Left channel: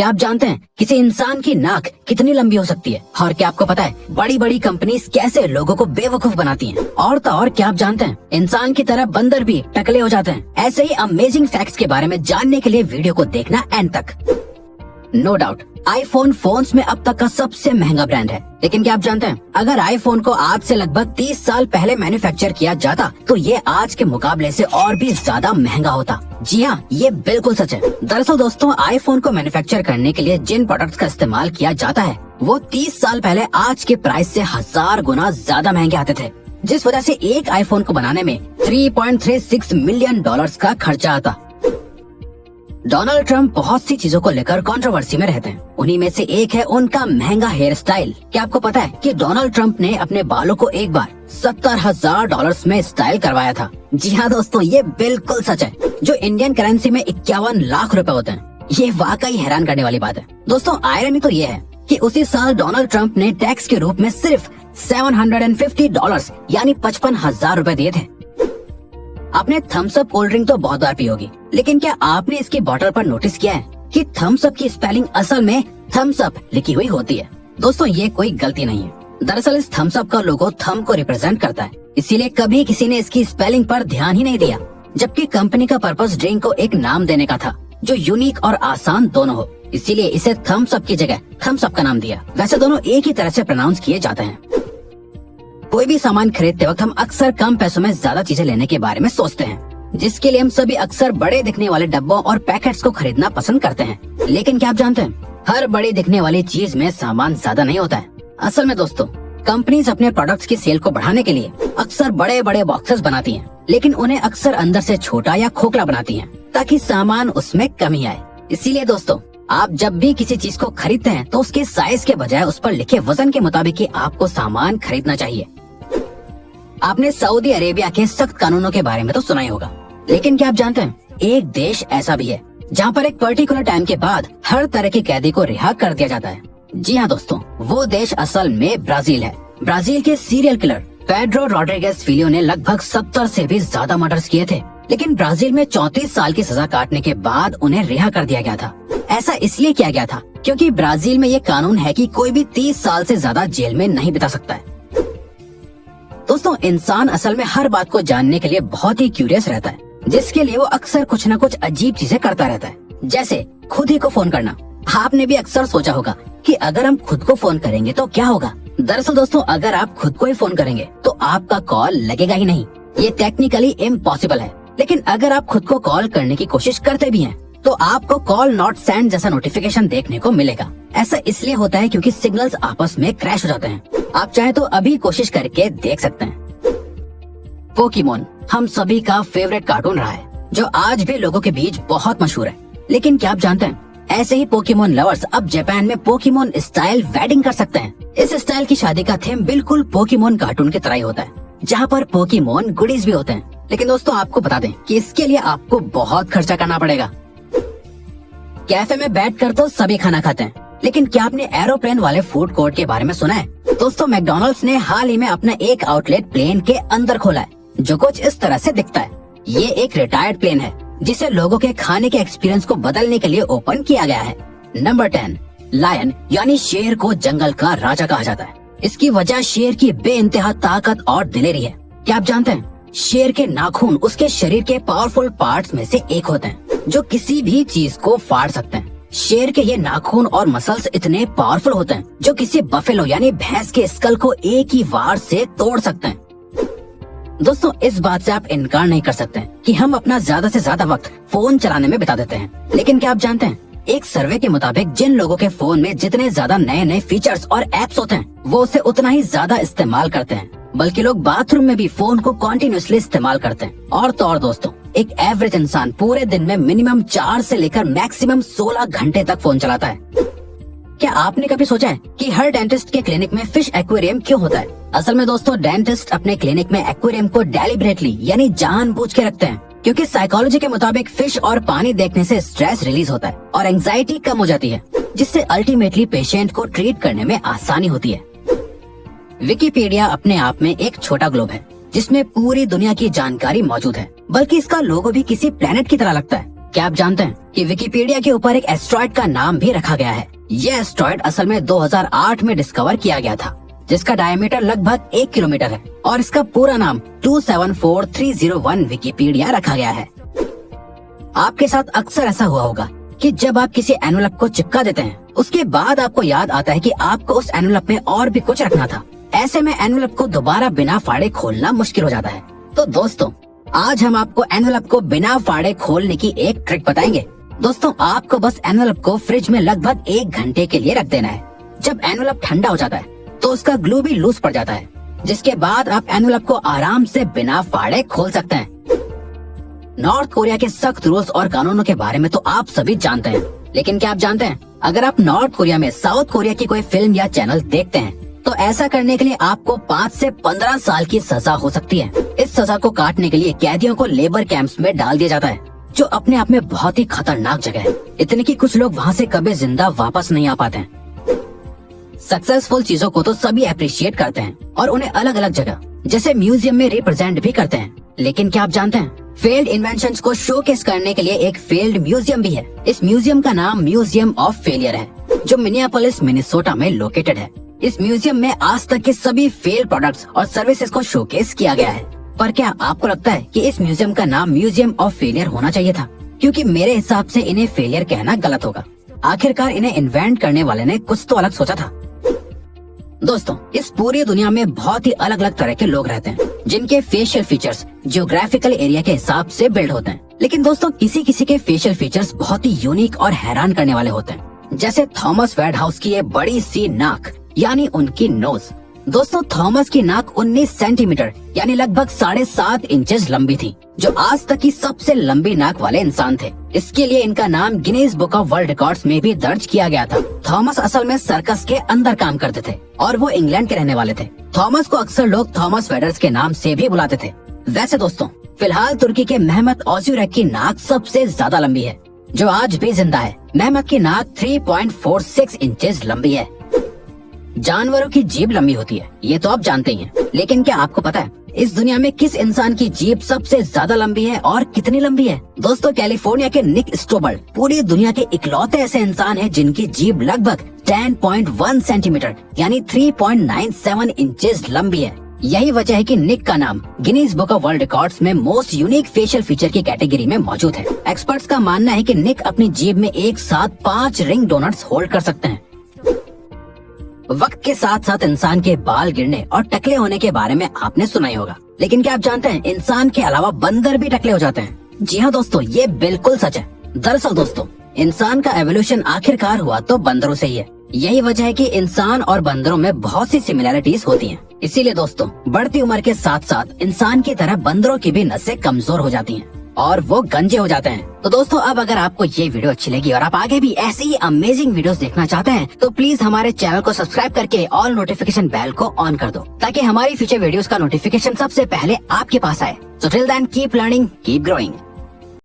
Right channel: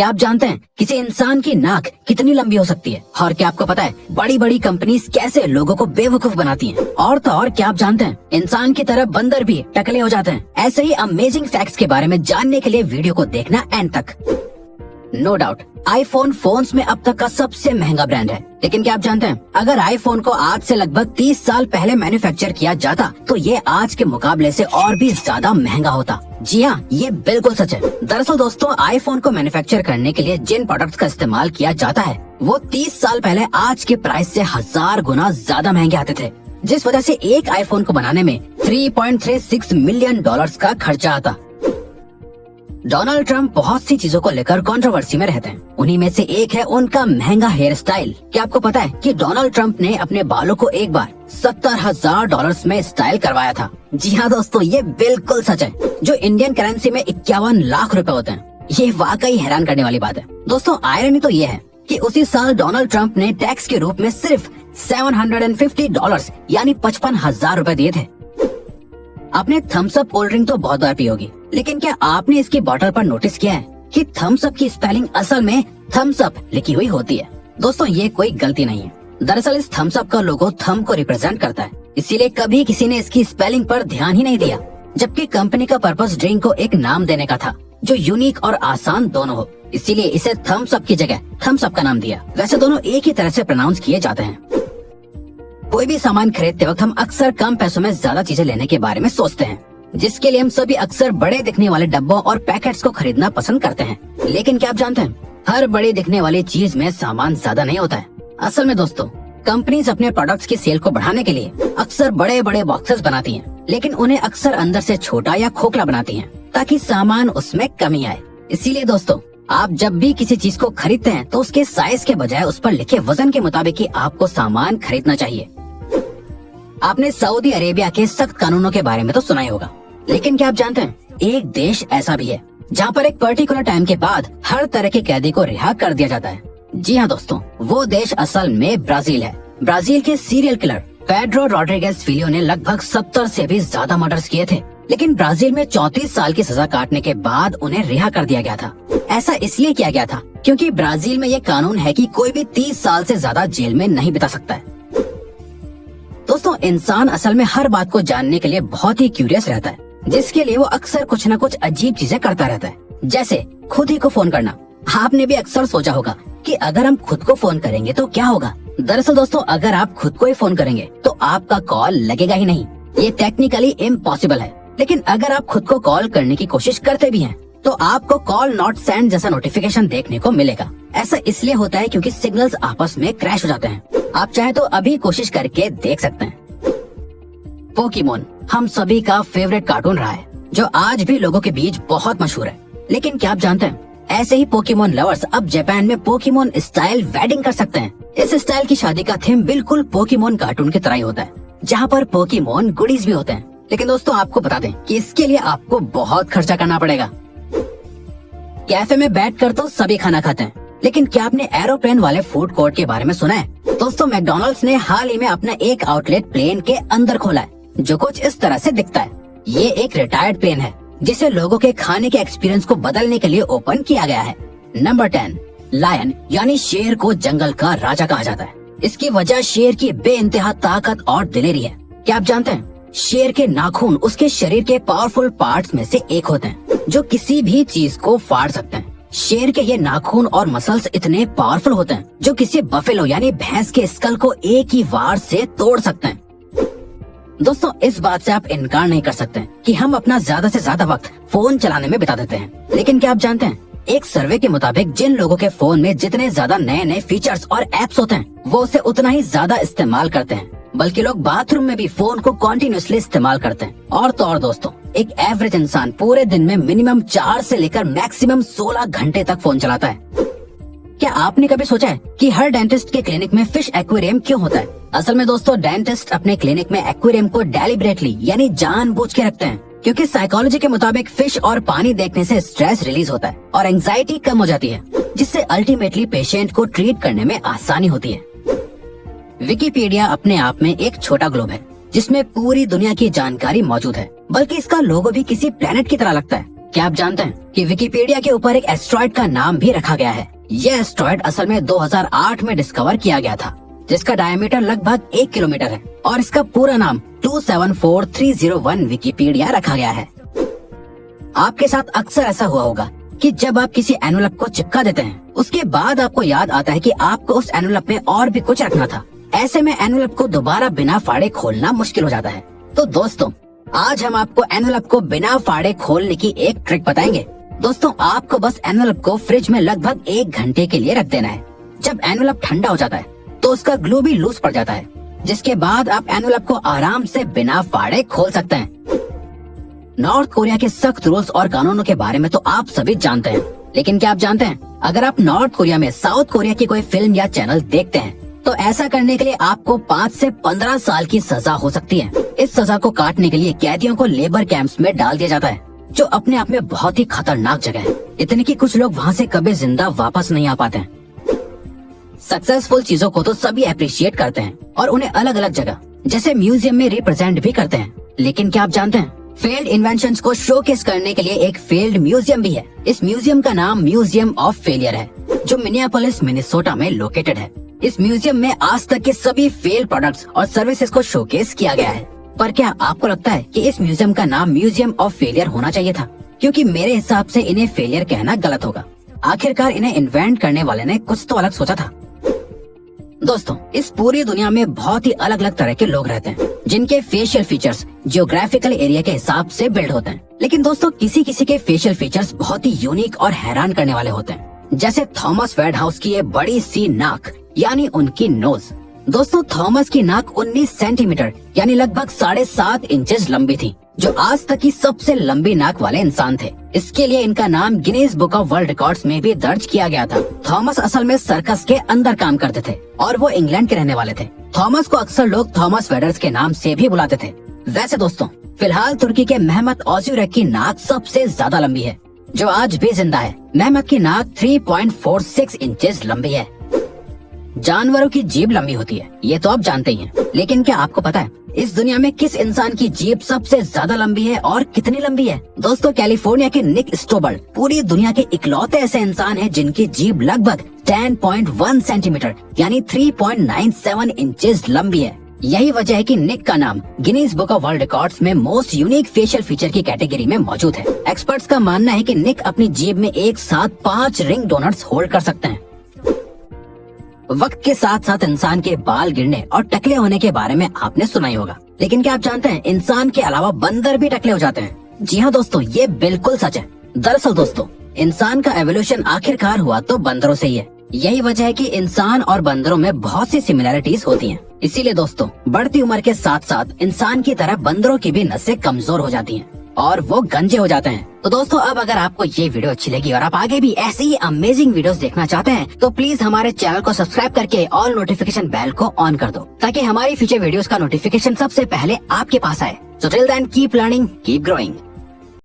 क्या आप जानते हैं किसी इंसान की नाक कितनी लंबी हो सकती है? और क्या आपको पता है बड़ी बड़ी कंपनीज कैसे लोगों को बेवकूफ बनाती हैं? और तो और क्या आप जानते हैं इंसान की तरह बंदर भी टकले हो जाते हैं? ऐसे ही अमेजिंग फैक्ट्स के बारे में जानने के लिए वीडियो को देखना एंड तक। नो डाउट आईफोन फोन्स में अब तक का सबसे महंगा ब्रांड है, लेकिन क्या आप जानते हैं अगर आईफोन को आज से लगभग 30 साल पहले मैन्युफैक्चर किया जाता तो ये आज के मुकाबले से और भी ज्यादा महंगा होता। जी हाँ, ये बिल्कुल सच है। दरअसल दोस्तों, आईफोन को मैन्युफैक्चर करने के लिए जिन प्रोडक्ट्स का इस्तेमाल किया जाता है वो 30 साल पहले आज के प्राइस से 1000 गुना ज्यादा महंगे आते थे, जिस वजह से एक आईफोन को बनाने में $3.36 मिलियन का खर्चा आता। डोनाल्ड ट्रंप बहुत सी चीजों को लेकर कंट्रोवर्सी में रहते हैं। उन्हीं में से एक है उनका महंगा हेयर स्टाइल। क्या आपको पता है कि डोनाल्ड ट्रंप ने अपने बालों को एक बार $70,000 में स्टाइल करवाया था? जी हाँ दोस्तों, ये बिल्कुल सच है, जो इंडियन करेंसी में 51 लाख रुपए होते हैं। ये वाकई हैरान करने वाली बात है। दोस्तों, आयरनी तो ये है कि उसी साल डोनाल्ड ट्रंप ने टैक्स के रूप में सिर्फ $750 यानी 55,000 रुपए दिए थे। आपने थम्स अप कोल्ड ड्रिंक तो बहुत बार पी होगी, लेकिन क्या आपने इसकी बोतल पर नोटिस किया है कि थम्स अप की स्पेलिंग असल में थम्स अप लिखी हुई होती है? दोस्तों, ये कोई गलती नहीं है। दरअसल इस थम्स अप का लोगो थंब को रिप्रेजेंट करता है, इसीलिए कभी किसी ने इसकी स्पेलिंग पर ध्यान ही नहीं दिया, जबकि कंपनी का पर्पस ड्रिंक को एक नाम देने का था जो यूनिक और आसान दोनों हो, इसीलिए इसे थम्स अप की जगह थम्स अप का नाम दिया। वैसे दोनों एक ही तरह से प्रोनाउंस किए जाते हैं। कोई भी सामान खरीदते वक्त हम अक्सर कम पैसों में ज्यादा चीजें लेने के बारे में सोचते हैं, जिसके लिए हम सभी अक्सर बड़े दिखने वाले डब्बों और पैकेट्स को खरीदना पसंद करते हैं। लेकिन क्या आप जानते हैं हर बड़ी दिखने वाली चीज में सामान ज्यादा नहीं होता है। असल में दोस्तों, कंपनीज अपने प्रोडक्ट्स की सेल को बढ़ाने के लिए अक्सर बड़े बड़े बॉक्सेस बनाती हैं, लेकिन उन्हें अक्सर अंदर से छोटा या खोखला बनाती हैं ताकि सामान उसमें कमी आए। इसीलिए दोस्तों, आप जब भी किसी चीज को खरीदते हैं तो उसके साइज के बजाय उस पर लिखे वजन के मुताबिक ही आपको सामान खरीदना चाहिए। आपने सऊदी अरेबिया के सख्त कानूनों के बारे में तो सुना ही होगा, लेकिन क्या आप जानते हैं एक देश ऐसा भी है जहाँ पर एक पर्टिकुलर टाइम के बाद हर तरह के कैदी को रिहा कर दिया जाता है? जी हाँ दोस्तों, वो देश असल में ब्राजील है। ब्राजील के सीरियल किलर पेड्रो रॉड्रिगेज फिलियो ने लगभग 70 से भी ज्यादा मर्डर्स किए थे, लेकिन ब्राजील में 34 साल की सजा काटने के बाद उन्हें रिहा कर दिया गया था। ऐसा इसलिए किया गया था क्योंकि ब्राजील में ये कानून है कि कोई भी 30 साल से ज्यादा जेल में नहीं बिता सकता है। दोस्तों, इंसान असल में हर बात को जानने के लिए बहुत ही क्यूरियस रहता है, जिसके लिए वो अक्सर कुछ न कुछ अजीब चीजें करता रहता है, जैसे खुद ही को फोन करना। आपने भी अक्सर सोचा होगा कि अगर हम खुद को फोन करेंगे तो क्या होगा? दरअसल दोस्तों, अगर आप खुद को ही फोन करेंगे तो आपका कॉल लगेगा ही नहीं। ये टेक्निकली इम्पॉसिबल है। लेकिन अगर आप खुद को कॉल करने की कोशिश करते भी हैं तो आपको कॉल नॉट सेंड जैसा नोटिफिकेशन देखने को मिलेगा। ऐसा इसलिए होता है क्योंकि सिग्नल्स आपस में क्रैश हो जाते हैं। आप चाहे तो अभी कोशिश करके देख सकते हैं। पोकेमोन हम सभी का फेवरेट कार्टून रहा है, जो आज भी लोगों के बीच बहुत मशहूर है। लेकिन क्या आप जानते हैं ऐसे ही पोकेमोन लवर्स अब जापान में पोकेमोन स्टाइल वेडिंग कर सकते हैं। इस स्टाइल की शादी का थीम बिल्कुल पोकेमोन कार्टून की तरह ही होता है, जहाँ पर पोकेमोन गुडीज भी होते हैं। लेकिन दोस्तों, आपको बता दें कि इसके लिए आपको बहुत खर्चा करना पड़ेगा। कैफे में बैठकर तो सभी खाना खाते हैं, लेकिन क्या आपने एरोप्लेन वाले फूड कोर्ट के बारे में सुना है? दोस्तों, मैकडॉनल्ड्स ने हाल ही में अपना एक आउटलेट प्लेन के अंदर खोला है, जो कुछ इस तरह से दिखता है। ये एक रिटायर्ड प्लेन है जिसे लोगों के खाने के एक्सपीरियंस को बदलने के लिए ओपन किया गया है। नंबर 10, लायन यानी शेर को जंगल का राजा कहा जाता है। इसकी वजह शेर की बेइंतहा ताकत और दिलेरी है। क्या आप जानते हैं शेर के नाखून उसके शरीर के पावरफुल पार्ट्स में से एक होते हैं, जो किसी भी चीज को फाड़ सकते हैं। शेर के ये नाखून और मसल्स इतने पावरफुल होते हैं जो किसी बफेलो यानी भैंस के स्कल को एक ही वार से तोड़ सकते हैं। दोस्तों, इस बात से आप इनकार नहीं कर सकते कि हम अपना ज्यादा से ज्यादा वक्त फोन चलाने में बिता देते हैं। लेकिन क्या आप जानते हैं एक सर्वे के मुताबिक जिन लोगों के फोन में जितने ज्यादा नए नए फीचर्स और एप्स होते हैं वो उसे उतना ही ज्यादा इस्तेमाल करते हैं, बल्कि लोग बाथरूम में भी फोन को कॉन्टिन्यूसली इस्तेमाल करते हैं। और तो और दोस्तों, एक एवरेज इंसान पूरे दिन में मिनिमम 4 से लेकर मैक्सिमम 16 घंटे तक फोन चलाता है। क्या आपने कभी सोचा है कि हर डेंटिस्ट के क्लिनिक में फिश एक्वेरियम क्यों होता है? असल में दोस्तों, डेंटिस्ट अपने क्लिनिक में एक्वेरियम को डेलिबरेटली यानी जानबूझ के रखते हैं, क्योंकि साइकोलॉजी के मुताबिक फिश और पानी देखने से स्ट्रेस रिलीज होता है और एंजाइटी कम हो जाती है, जिससे अल्टीमेटली पेशेंट को ट्रीट करने में आसानी होती है। विकिपीडिया अपने आप में एक छोटा ग्लोब है जिसमें पूरी दुनिया की जानकारी मौजूद है, बल्कि इसका लोगो भी किसी प्लेनेट की तरह लगता है। क्या आप जानते हैं कि विकिपीडिया के ऊपर एक एस्ट्रॉयड का नाम भी रखा गया है। यह एस्ट्रॉयड असल में 2008 में डिस्कवर किया गया था, जिसका डायमीटर लगभग 1 किलोमीटर है और इसका पूरा नाम 274301 विकिपीडिया रखा गया है। आपके साथ अक्सर ऐसा हुआ होगा कि जब आप किसी एनवेलप को चिपका देते हैं, उसके बाद आपको याद आता है कि आपको उस एनवेलप में और भी कुछ रखना था। ऐसे में एनवेलप को दोबारा बिना फाड़े खोलना मुश्किल हो जाता है। तो दोस्तों, आज हम आपको एनवेलप को बिना फाड़े खोलने की एक ट्रिक बताएंगे। दोस्तों, आपको बस एनवेलप को फ्रिज में लगभग 1 घंटे के लिए रख देना है। जब एनवेलप ठंडा हो जाता है तो उसका ग्लू भी लूज पड़ जाता है, जिसके बाद आप एनवेलप को आराम से बिना फाड़े खोल सकते हैं। नॉर्थ कोरिया के सख्त रूल्स और कानूनों के बारे में तो आप सभी जानते हैं, लेकिन क्या आप जानते हैं, अगर आप नॉर्थ कोरिया में साउथ कोरिया की कोई फिल्म या चैनल देखते हैं तो ऐसा करने के लिए आपको 5 से 15 साल की सजा हो सकती है। इस सजा को काटने के लिए कैदियों को लेबर कैंप्स में डाल दिया जाता है, जो अपने आप में बहुत ही खतरनाक जगह है, इतनी कि कुछ लोग वहाँ से कभी जिंदा वापस नहीं आ पाते हैं। सक्सेसफुल चीजों को तो सभी अप्रिशिएट करते हैं और उन्हें अलग अलग जगह जैसे म्यूजियम में रिप्रेजेंट भी करते हैं, लेकिन क्या आप जानते हैं, फेल्ड इन्वेंशंस को शोकेस करने के लिए एक फेल्ड म्यूजियम भी है। इस म्यूजियम का नाम म्यूजियम ऑफ फेलियर है, जो मिनियापोलिस मिनेसोटा में लोकेटेड है। इस म्यूजियम में आज तक के सभी फेल प्रोडक्ट्स और सर्विसेज को शोकेस किया गया है। पर क्या आपको लगता है कि इस म्यूजियम का नाम म्यूजियम ऑफ फेलियर होना चाहिए था? क्योंकि मेरे हिसाब से इन्हें फेलियर कहना गलत होगा। आखिरकार इन्हें इन्वेंट करने वाले ने कुछ तो अलग सोचा था। दोस्तों, इस पूरी दुनिया में बहुत ही अलग अलग तरह के लोग रहते हैं, जिनके फेशियल फीचर्स जियोग्राफिकल एरिया के हिसाब से बिल्ड होते हैं। लेकिन दोस्तों, किसी किसी के फेशियल फीचर्स बहुत ही यूनिक और हैरान करने वाले होते हैं, जैसे थॉमस वेडहाउस की ये बड़ी सी नाक यानी उनकी नोज। दोस्तों, थॉमस की नाक 19 सेंटीमीटर यानी लगभग 7.5 इंचेस लंबी थी, जो आज तक की सबसे लंबी नाक वाले इंसान थे। इसके लिए इनका नाम Guinness book of world records में भी दर्ज किया गया था। थॉमस असल में सर्कस के अंदर काम करते थे और वो इंग्लैंड के रहने वाले थे। थॉमस को अक्सर लोग थॉमस वेडर्स के नाम से भी बुलाते थे। वैसे दोस्तों, फिलहाल तुर्की के मेहमत ओज़ुरेक की नाक सबसे ज्यादा लंबी है, जो आज भी जिंदा है। मेहमत की नाक 3.46 इंचेस लंबी है। जानवरों की जीभ लंबी होती है, ये तो आप जानते ही हैं। लेकिन क्या आपको पता है इस दुनिया में किस इंसान की जीभ सबसे ज्यादा लंबी है और कितनी लंबी है? दोस्तों, कैलिफोर्निया के निक स्टोबर्ड पूरी दुनिया के इकलौते ऐसे इंसान हैं जिनकी जीभ लगभग 10.1 सेंटीमीटर यानी 3.97 इंचेस लंबी है। यही वजह है कि निक का नाम Guinness book of world records में मोस्ट यूनिक फेशियल फीचर की कैटेगरी में मौजूद है। एक्सपर्ट्स का मानना है कि निक अपनी जीभ में एक साथ 5 रिंग डोनट्स होल्ड कर सकते हैं। वक्त के साथ साथ इंसान के बाल गिरने और टकले होने के बारे में आपने सुना ही होगा, लेकिन क्या आप जानते हैं इंसान के अलावा बंदर भी टकले हो जाते हैं? जी हाँ दोस्तों, ये बिल्कुल सच है। दरअसल दोस्तों, इंसान का एवोल्यूशन आखिरकार हुआ तो बंदरों से ही है। यही वजह है कि इंसान और बंदरों में बहुत सी सिमिलैरिटीज होती हैं। इसीलिए दोस्तों, बढ़ती उम्र के साथ साथ इंसान की तरह बंदरों की भी नसें कमजोर हो जाती हैं और वो गंजे हो जाते हैं। तो दोस्तों, अब अगर आपको ये वीडियो अच्छी लगी और आप आगे भी ऐसी ही अमेजिंग वीडियोस देखना चाहते हैं तो प्लीज हमारे चैनल को सब्सक्राइब करके ऑल नोटिफिकेशन बेल को ऑन कर दो, ताकि हमारी फ्यूचर वीडियोस का नोटिफिकेशन सबसे पहले आपके पास आए। So till then keep learning, keep growing.